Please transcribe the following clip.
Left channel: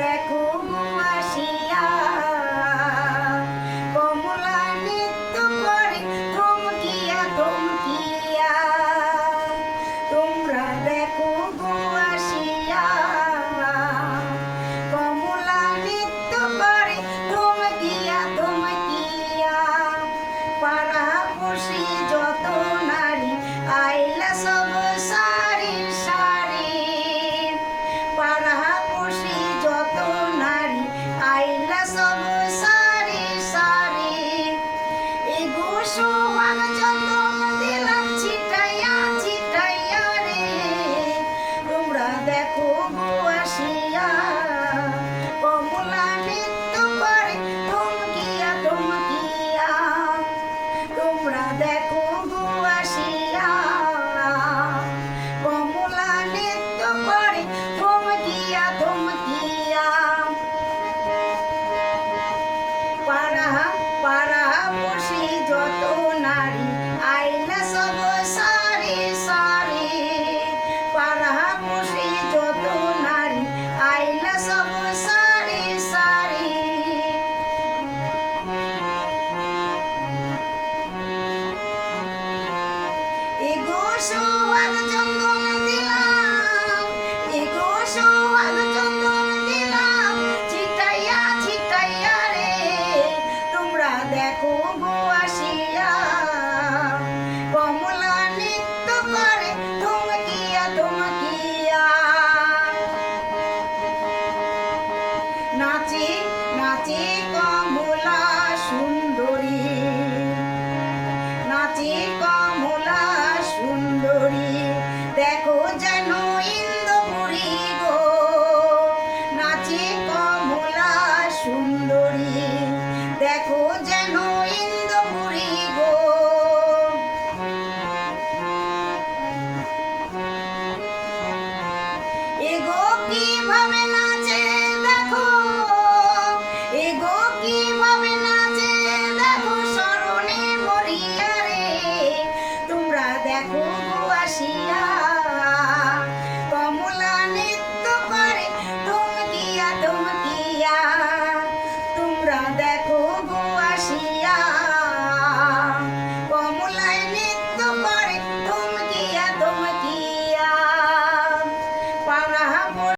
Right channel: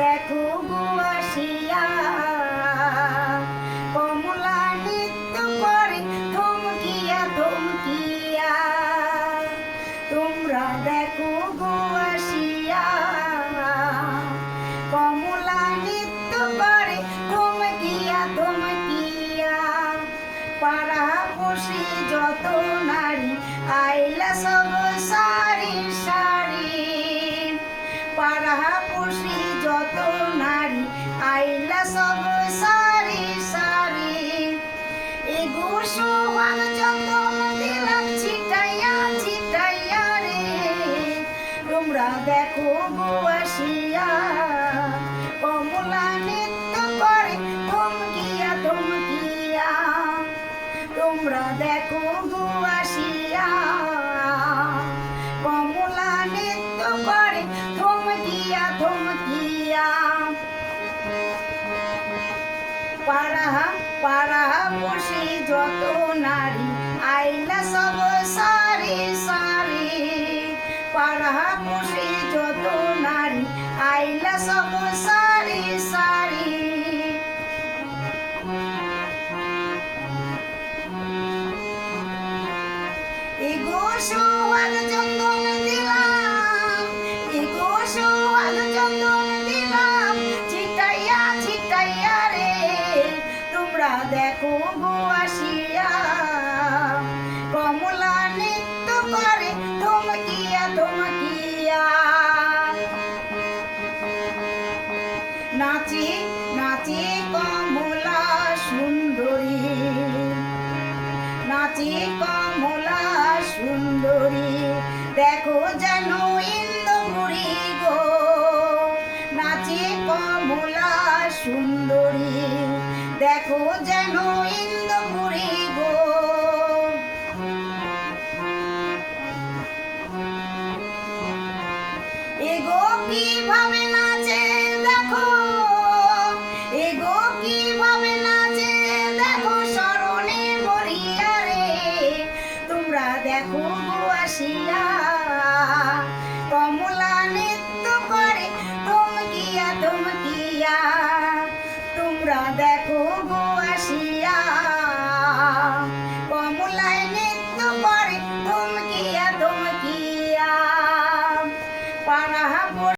দেখো গুয়াশিয়া কমলা নৃত্য করে থমকিয়া থমকিয়া। তোমরা দেখো গুয়াশিয়া কমলা নৃত্য করে থমকিয়া থমকিয়া। পাড়াপড়শি যত নারী আইলা সব সারি সারি। পাড়াপড়শি যত নারী আইলা সব সারি সারি। এগো সোহাগ চন্দন দিলাম ছিটাইয়া ছিটাইয়া রে। তোমরা দেখো গুয়াশিয়া কমলা নৃত্য করে থমকিয়া থমকিয়া। তোমরা দেখো গুয়াশিয়া কমলা নৃত্য করে থমকিয়া থমকিয়া। পাড়াপড়শি যত নারী আইলা সব সারি সারি। পাড়াপড়শি যত নারী আইলা সব সারি সারি। এগো সোহাগ চন্দন দিলাম, এগো সোহাগ চন্দন দিলাম ছিটাইয়া ছিটাইয়া রে। তোমরা দেখো গুয়াশিয়া কমলা নৃত্য করে থমকিয়া থমকিয়া। নাচে নাচে কমলা সুন্দরী, নাচে কমলা সুন্দরী। দেখো যেন ইন্দ্রপুরী গো, নাচে কমলা সুন্দরী। দেখো যেন ইন্দ্রপুরী গো। এগো কিভাবে